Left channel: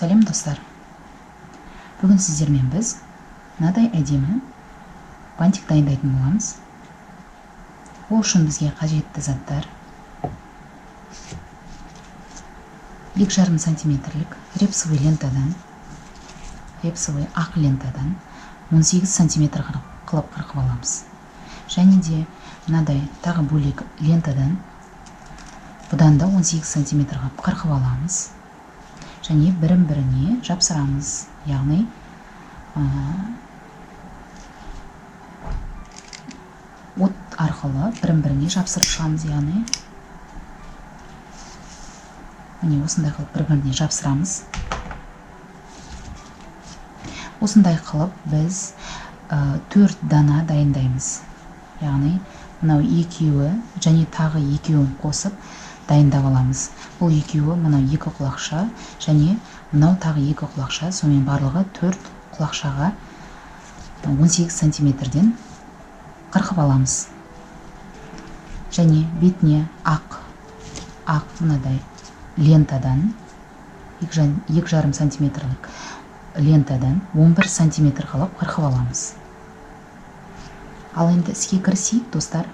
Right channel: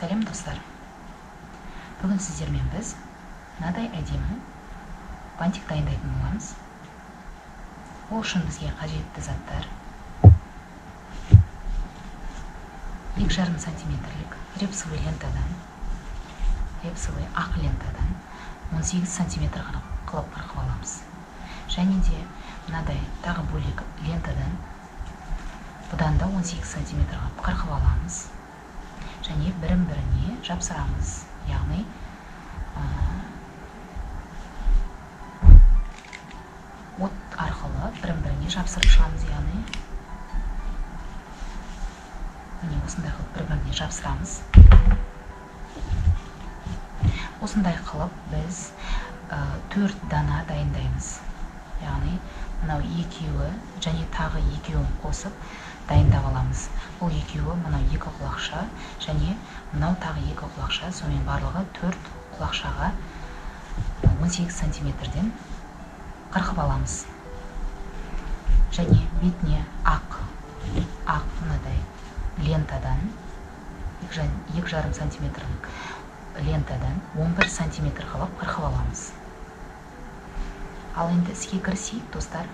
Сәлем достар, бүгін сіздермен біз мынадай әдемі бантик дайындайтын боламыз. Ол үшін бізге қажетті заттар 2,5 сантиметрлік репсовый ақ лентадан 18 сантиметр қылып қырқып аламыз. Және де мынадай тағы бөлек лентадан бұдан да 18 сантиметр қырқып аламыз. Және бірін-біріне жапсырамыз, яғни от арқылы бірін-біріне жапсырып шығамыз, яғни міне осындай қылып бір-біріне жапсырамыз. Осындай қылып біз 4 дана дайындаймыз, яғни мынау екеуі және тағы екеуін қосып дайындап аламыз. Бұл екеуі мынау 2 құлақша және мынау тағы 2 құлақша, сонымен барлығы 4 құлақшаға 18 сантиметрден қырқып аламыз. Және бетіне ақ мынадай лентадан 2,5 сантиметрлік лентадан 11 сантиметр қылып қырқып аламыз. Ал енді іске кірісейік, достар.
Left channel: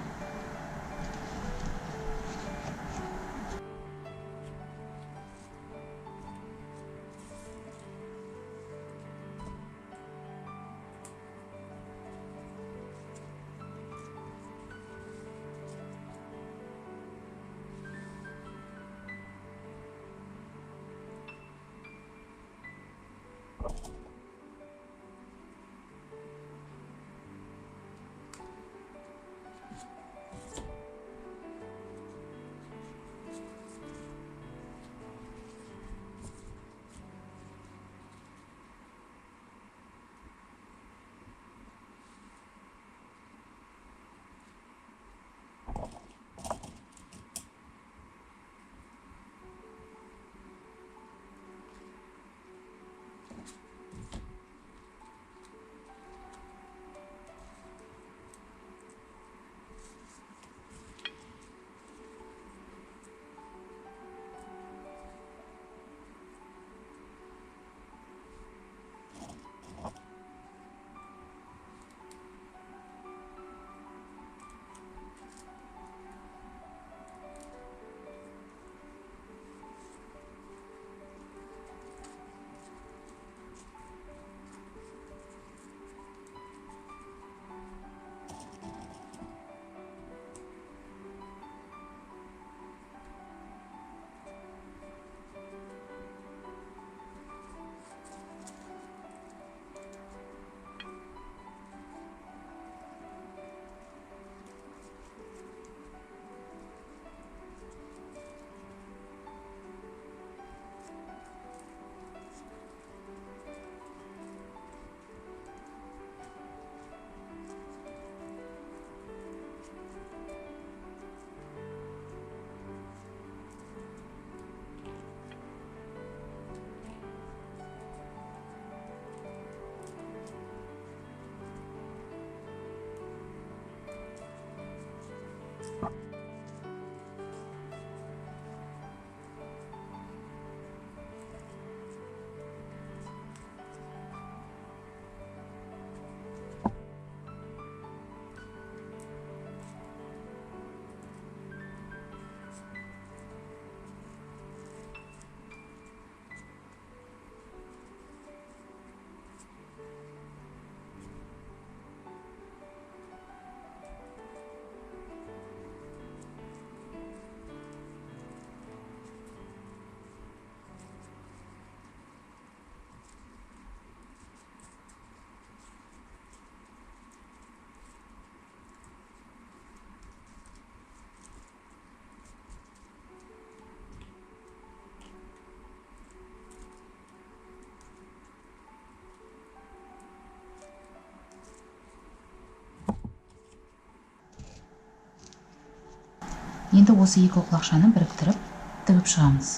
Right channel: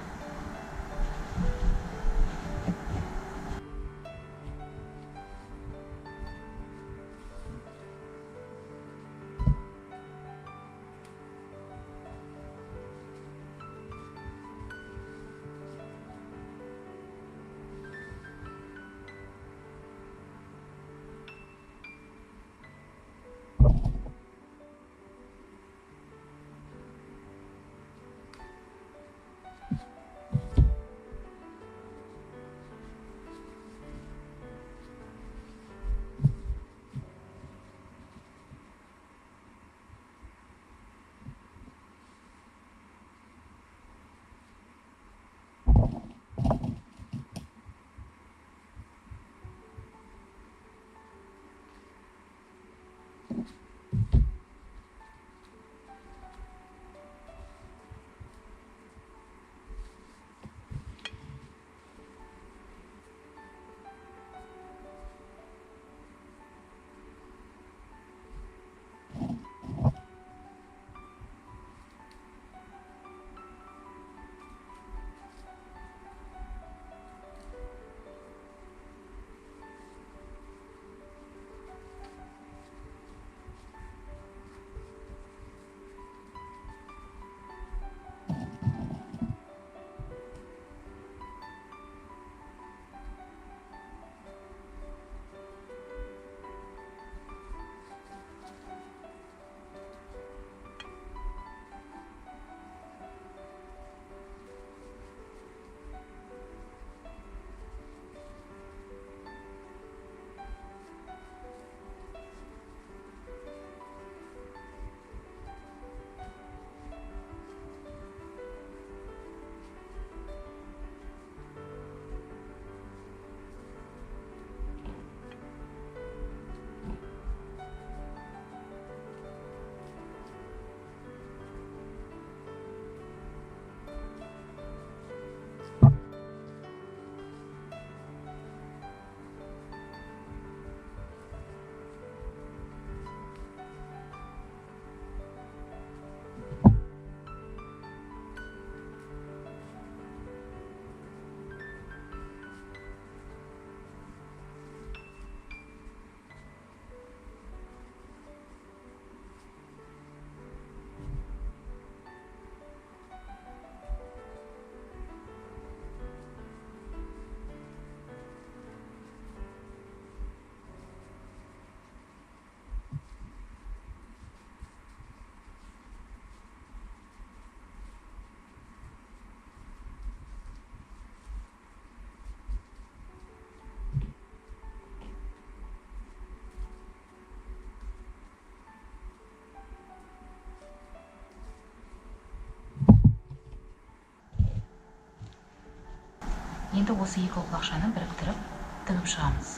Енді осы 2 құлақшаны біріктіріп тігіп шығамыз.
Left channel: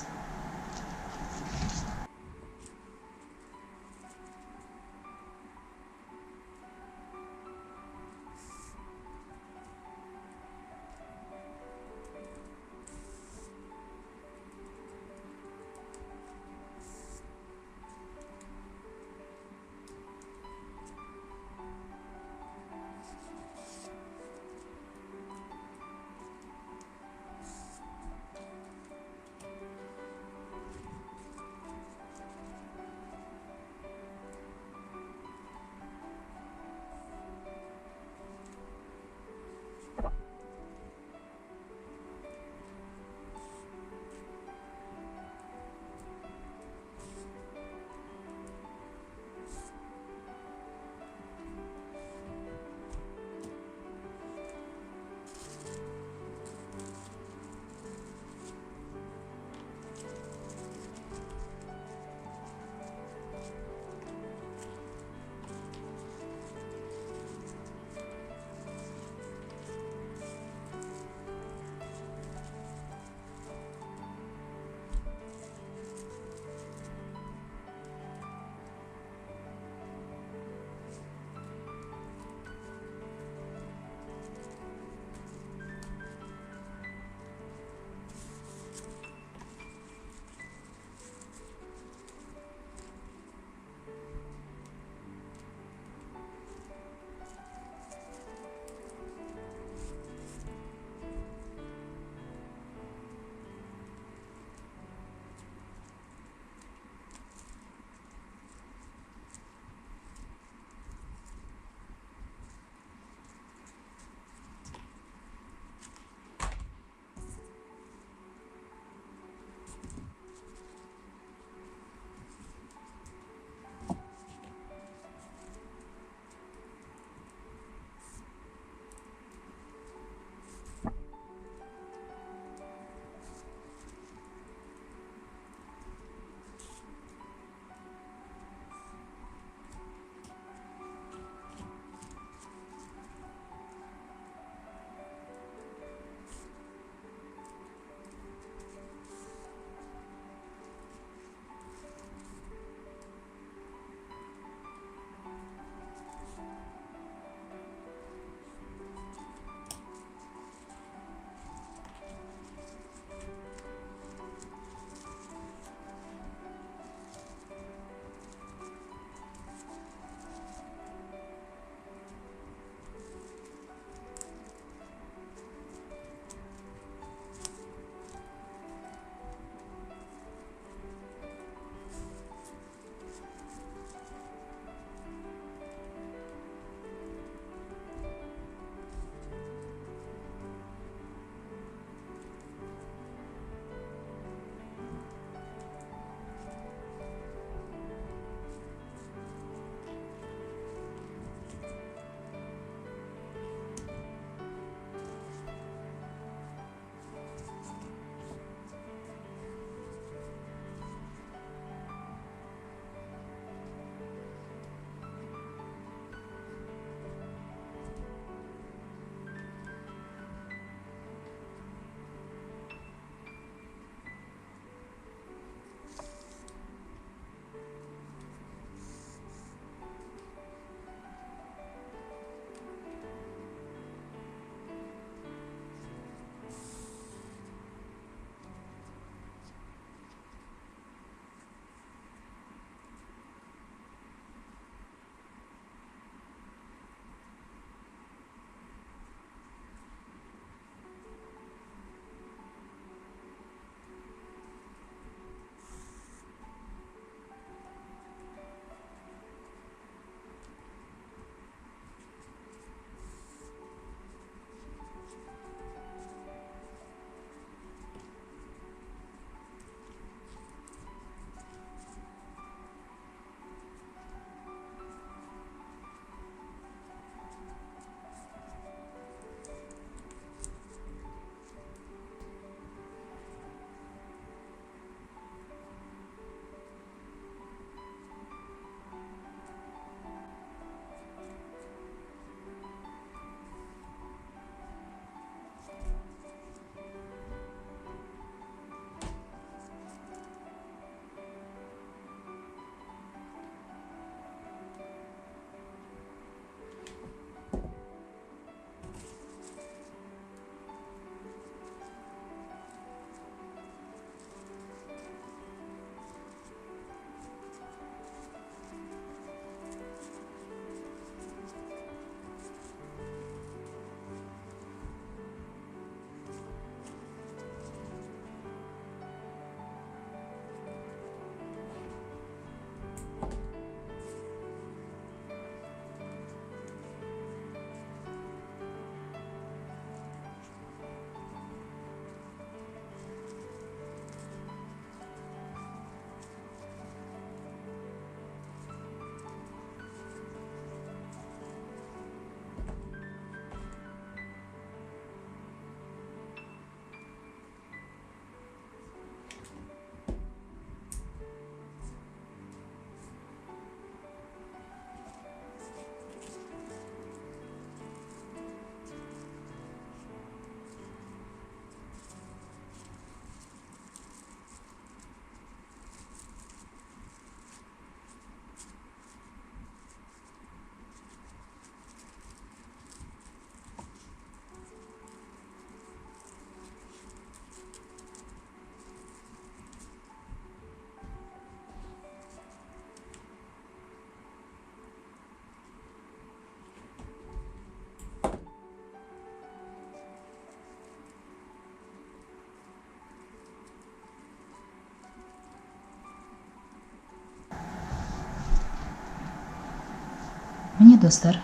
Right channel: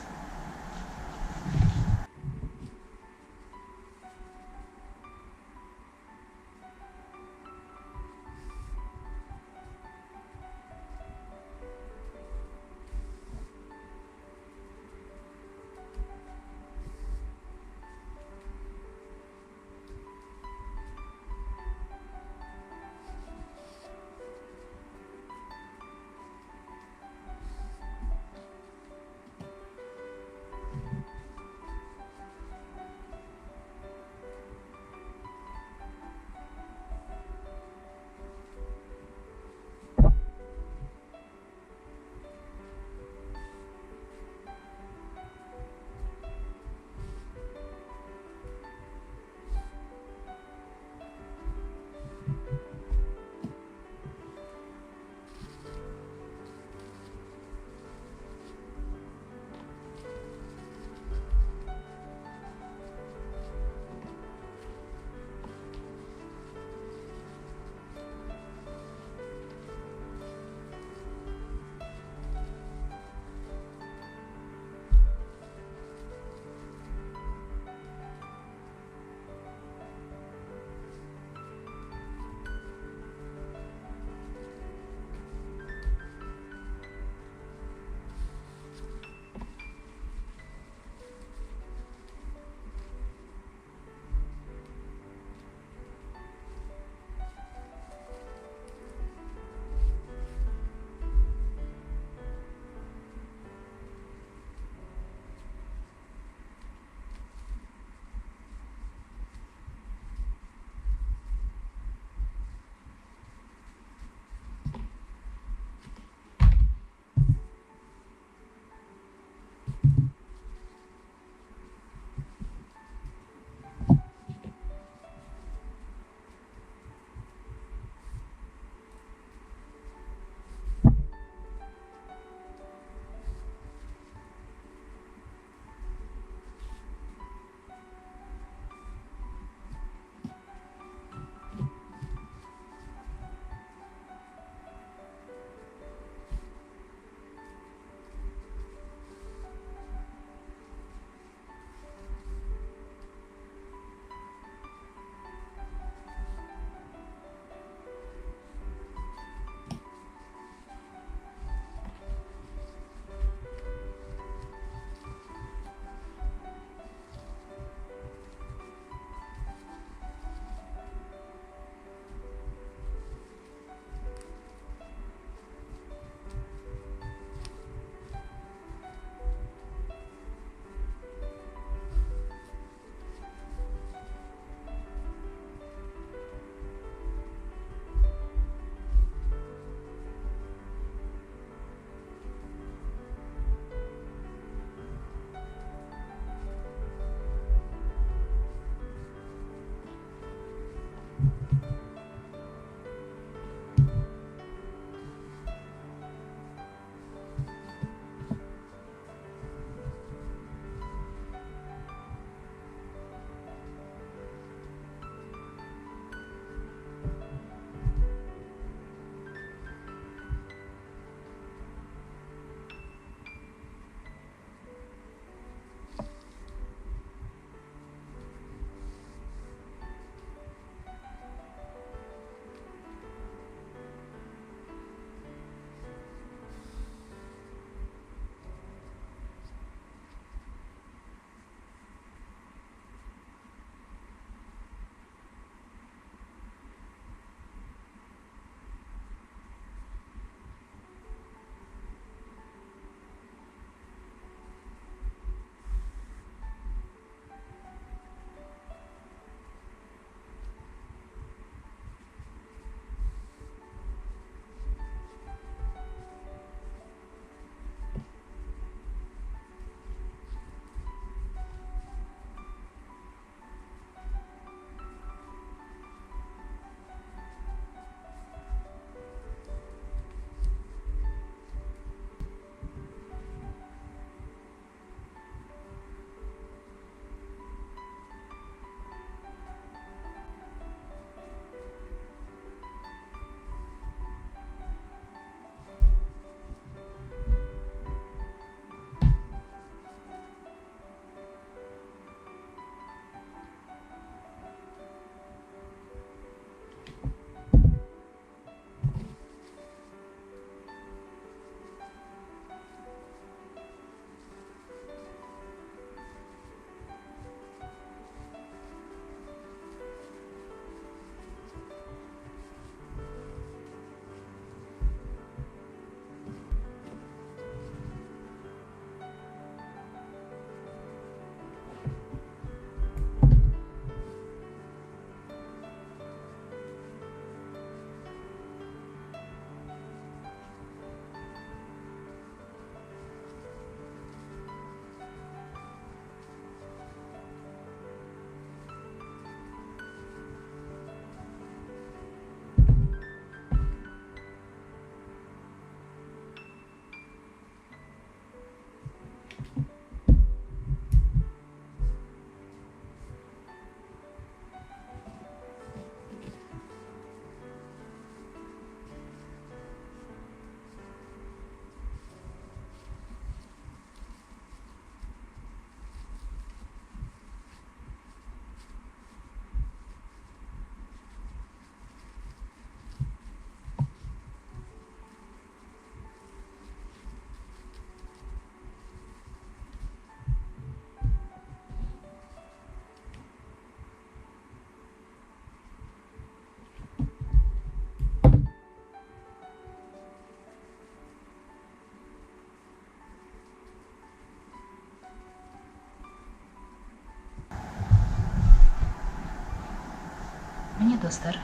Міне достар,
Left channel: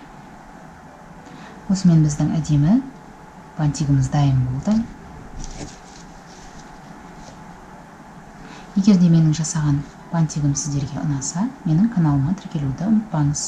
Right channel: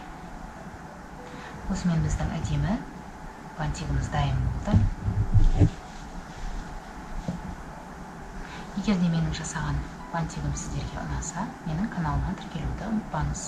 осымен біздің әдемі бантигіміз дайын болды. Егер де менің жасаған бантигім сіздерге ұнаса, менің каналыма тіркелуді ұмытпаңыз.